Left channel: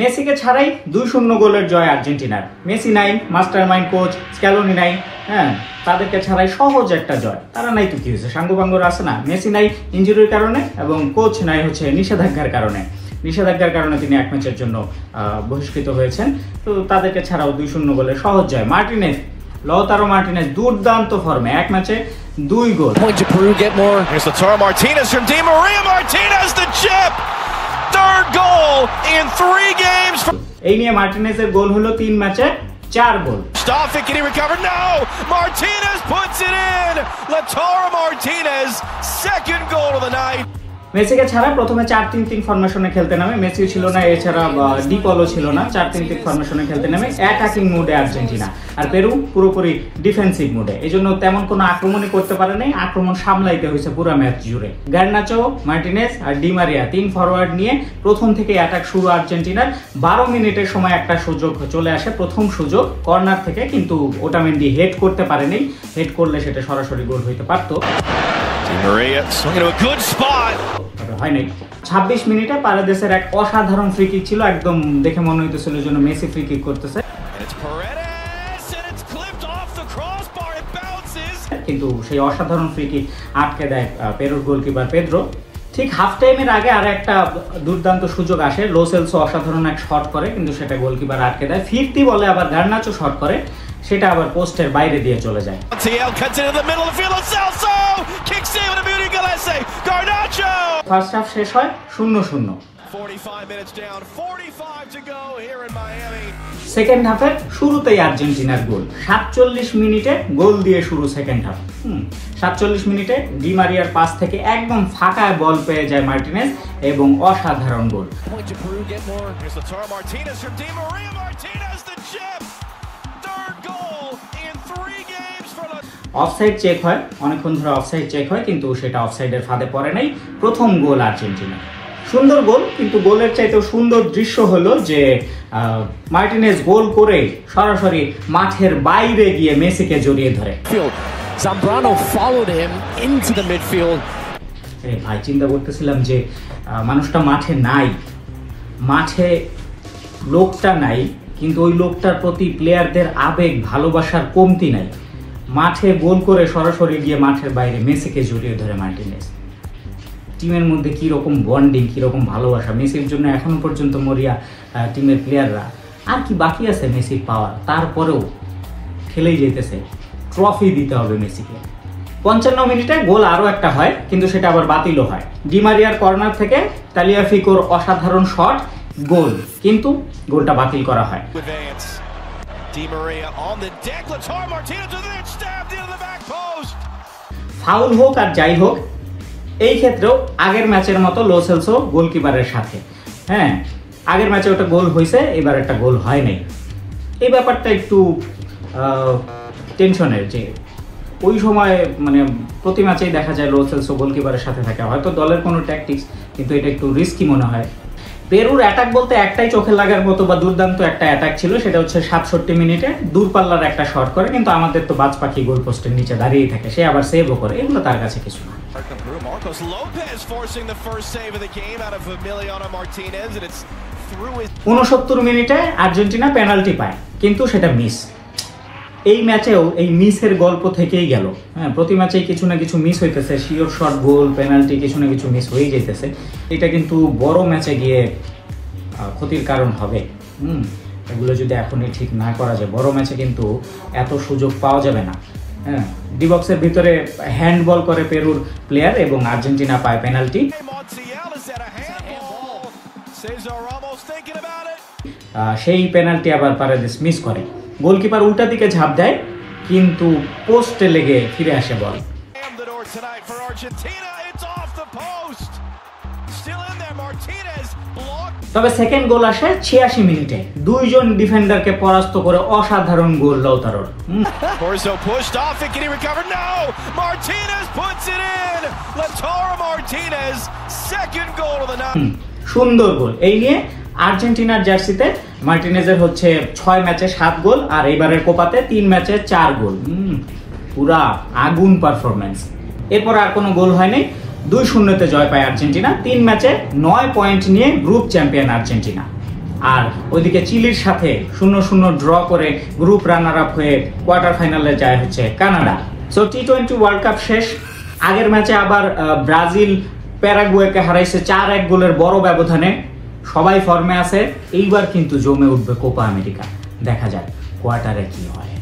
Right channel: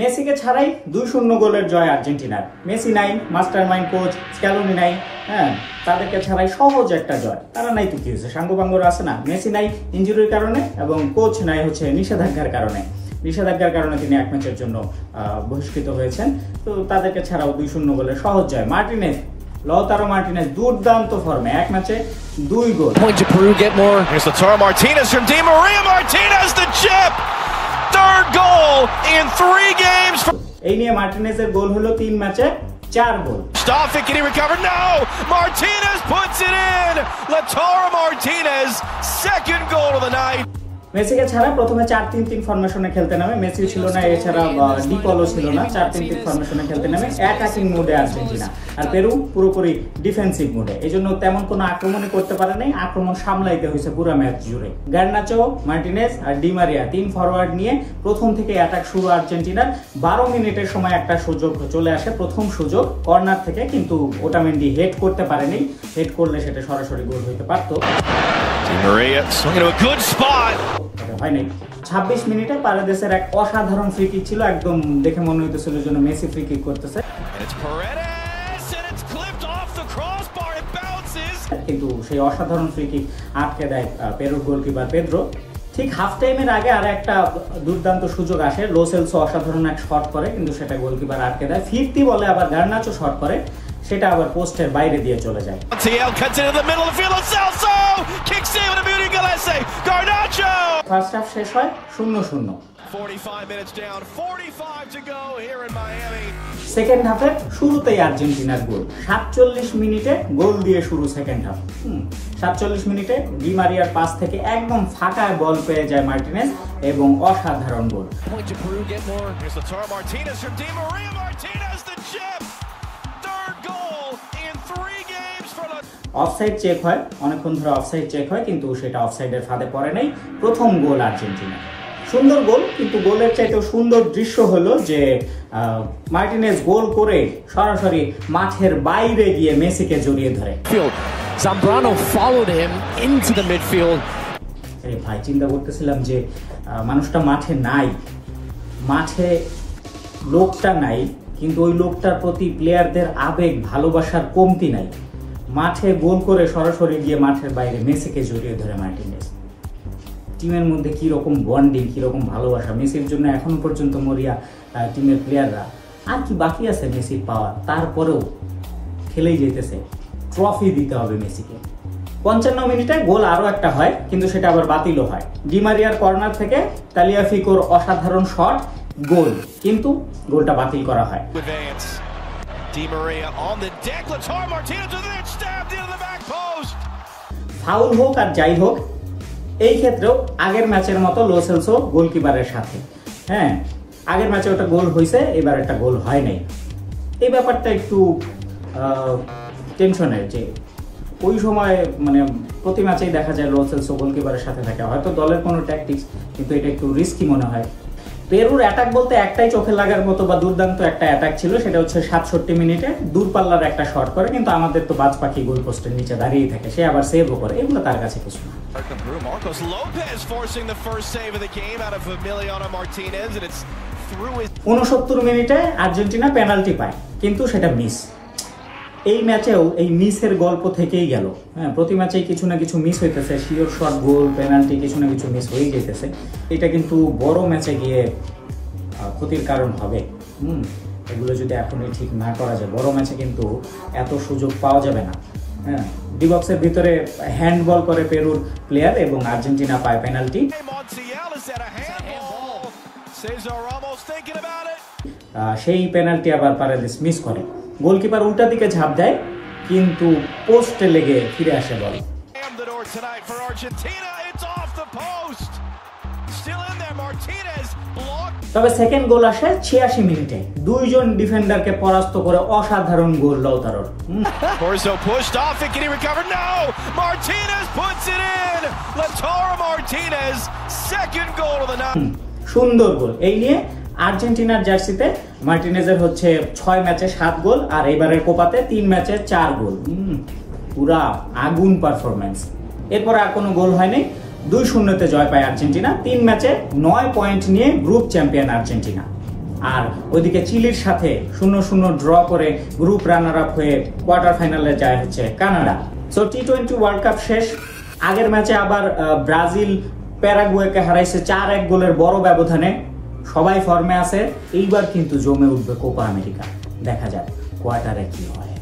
মেসিকে ছাড়াই 2-0 গোলের জয় আর্জেন্টিনার। মেসি নাই, মাস্টারমাইন্ড কোচ স্ক্যালোনি নাই, হ্যাঁ তাদেরকে ছাড়াই সহজ একটা জয়। তারা নাই তো কি হয়েছে, সাঙ্গপাঙ্গরা আছে না। মেসি নাই ইনজুরির কারণে এবং কোচ নাই হচ্ছে নিষেধাজ্ঞার কারণে। নিষেধাজ্ঞার কারণে তিনি এক ম্যাচের জন্য বহিষ্কৃত হয়েছেন। তো তাদেরকে ছাড়াও 2-0 গোলের সহজ জয়। মার্টিনেজ, লাউতারো মার্টিনেজ দুর্দান্ত ফর্মে, এক ম্যাচে 2 গোল। Point to Peru get more. Here's Lautaro Martinez from Di Maria. Martinez the chip. Third goal in 3 games. এই নিয়ে মার্টিনেজের গোল হলো 3 ম্যাচে 4 গোল। Stoffik, can he recover? No! Martinez puts it in. Lautaro Martinez, second goal of the night. মেসিকে ছাড়া প্রথমে 4-3-3 ফরমেশনে খেলতে নামে। Messi ছিল না, এছাড়া ডিপলও ছিল না। 4-3-3 ফরমেশনে খেলতে নামে অ্যাটাকিং মুডে আর্জেন্টিনা, আর পেরু পুরোপুরি ডিফেন্সিভ মুডে। এই জন্য তেমন কোনো আক্রমণই করতে পারে নাই, আক্রমণ সামলাইতে হয়েছে পুরো ম্যাচ জুড়ে। গার্নাচো, মার্টিনেজ আর ডি মারিয়া 3 ফরওয়ার্ড নিয়ে প্রথম থেকে অ্যাটাক শুরু আর্জেন্টিনার। 12 মিনিটের সময় একটা সুযোগ চলে আসে, প্রথম সুযোগ কর্নার থেকে, কিন্তু ওটামেন্ডি হেড করতে পারেনি। হেড করলে সেটা সরাসরি গোল হইতে পারতো। Di Maria swinging to a good spot. হয় নাই। 26 মিনিটে পারেদেসের এক অসাধারণ ফ্রি কিক ছিল, একদম দেখে মনে হইতেছিল যেন মেসি ফ্রি কিক করতেছে। It's Paredes and it's clipped off the crossbar. It bounces. কিন্তু সেই অসাধারণ ফ্রি কিক আটকে দেয় পেরুর গোলকিপার পেদ্রো। ঠিক হাফ টাইমের আগে আর একটা দুর্দান্ত সুযোগ আসে, লো সেলসো অসাধারণ এক শট করে, কিন্তু সেটা গোলকিপার আটকে দেয়। 50 বলে আবার গার্নাচো শট করে, সেটা আবার পোস্টের বাইরে দিয়ে চলে যায়। TL cuts into the middle of the field. Celso kicks in with a beauty Gillespie. Garnacho. First half শেষ হয় 0-0। 45 minutes down, 45 to go here in Miami. Second হাফের শুরুতেই আর্জেন্টিনার গোল। 47 মিনিটে গোল দিয়ে শুরু সেকেন্ড হাফ। 47 মিনিটে ডি মারিয়ার পাস থেকে একদম ফাঁকায় বল পেয়ে যায় মার্টিনেজ এবং অসাধারণ গোল। Point to Peru get more. Here's Lautaro Martinez from Di Maria. Martinez the chip. Third goal in 3 games for offside check হয়, অনেকক্ষণ ধরে অফসাইড চেক হয়, কিন্তু সেটা অফসাইডের ফাঁদে পড়ে নাই। প্রথম গোল আর্জেন্টিনা, সুন্দর গোল। কিন্তু গোলের চাইতেও সুন্দর দৃশ্য হলো যে মার্টিনেজ গোল করে সরাসরি মাঠের বাইরে গিয়ে মেসিকে জড়িয়ে ধরে। Zambrano followed him into the midfield. ভাই চিন্তা করতেছিলাম যে মানুষটা মাঠে নাই, মাঠে লোকটা নাই, কিন্তু ওই লোকটার প্রতি প্লেয়ারদের আবেগ ভালোবাসার কমতি নাই। মাঠে গোল করে সরাসরি গিয়ে মাঠের বাইরে মেসিকে জড়িয়ে ধরে মার্টিনেজ। টিমের মধ্যে কিরকম বন্ডিং, কিরকম ভালোবাসা। মেসির জন্য এখনো পর্যন্ত মরিয়া টিমের প্লেয়াররা। আর কি বাকি আছে মেসির পাওয়ার, তারপরেও খেলেই যেতেছে। ট্রফি দিতে হবে মেসিকে। 55 মিনিটে গোল আরো একটা হয়, কিন্তু সেটা আবার বাতিলও হয়। ডি মারিয়ার কর্নার থেকে তালিয়াফিকোর অসাধারণ শট, গোল, কিন্তু গোলটা বাতিল করা হয়। Di Maria on the deck. Lautaro Martinez with it, stabbed into the back post. Foul হোক আর যাই হোক, এই ক্ষেত্রেও আগের ম্যাচের মতো লো সেলসো গোলকিপারের সাথে। হ্যাঁ, আগের ম্যাচে ওটা গোল হয়েছে, এবার একটা গোল হয় নাই। এই ব্যাপারটা একটু টেনশনের, যে ওই সময় মানে প্রতি ম্যাচেই দেখা যায় লো সেলসো গোলকিপারের সাথে থাকে। হয়তো দলের কোনো ট্যাকটিক্স, কিন্তু এটা একটু রিস্কি মনে হয়। পেরুর অ্যাটাক বলতে একটাই চোখে লাগার মতো বা দুর্দান্ত একটা অ্যাটাক ছিল, সেটা হচ্ছে 67 মিনিটে দূরপাল্লার একটা শট করে, কিন্তু আমাদের তো বাজ পাখি গোল পোস্টের নিচে দাঁড়িয়ে থাকে, সে আবার সেভও করে। এগুলো তার কাছে কিছু না। Marcos Lopez forcing the first save of the game out of Emiliano Martinez, and it's through his 69 মিনিটে আর্জেন্টিনা পেনাল্টি পায়, কিন্তু সেটা মিস। এই ম্যাচেও এই মিসের গল্প থেকেই গেল। হ্যাঁ, প্রতি ম্যাচেই কিছু না কিছু মিস হইতেছে, শিওর শট, গোল, পেনাল্টি, কিছু না কিছু মিস হয়ে যেতেছে। এটা কিন্তু বড় ম্যাচে গিয়ে ক্ষতির কারণ হবে। এগুলো যদি এখনই ঠিক না করা যায়, বড় ম্যাচে কিন্তু এত সুযোগ পাওয়া যাবে না। হ্যাঁ, ডি বক্সের ভিতরে হ্যান্ডবল করে পেরুর প্লেয়ার এবং আর্জেন্টিনা পায় পেনাল্টি। সেই পেনাল্টি আবার পারেদেস মিস করে। গোলকিপার উল্টা দিকে ঝাঁপ দেয়, কিন্তু পোস্টে লেগে ফিরে আসে বল। তবে সেকেন্ড গোল আসে 86 মিনিটে, 2 জন ডিফেন্ডারকে পরাস্ত করে অসাধারণ গোল লাউতারোর। সুন্দর গোল। এই নিয়ে আর্জেন্টিনার জার্সিতে মার্টিনেজের হচ্ছে 6 ম্যাচে 7 গোল, আর এইবারের কোপাতে 3 ম্যাচে 4 গোল। পুরা আগুন পারফরমেন্স। এরপর আর কোনো গোল হয়নি। 2-0 জয় পায় আর্জেন্টিনা। 3 ম্যাচে 9 পয়েন্ট নিয়ে গ্রুপ চ্যাম্পিয়ন আর্জেন্টিনা। আর ওইদিকে চিলির সাথে 0-0 ড্র করে গ্রুপ রানার আপ হয়ে কোয়ার্টার ফাইনালে যায় হচ্ছে কানাডা। সো টি-20 ওয়ার্ল্ড কাপ শেষ। আগের ম্যাচে আবার ব্রাজিল প্যারাগুয়েকে হারাইছে 4-1 গোলের বড় ব্যবধানে। সবাই ফর্মে আছে, এইবার কিন্তু জমে উঠবে কোপা আমেরিকা। দেখা যাক কোয়ার্টারে কি হয়।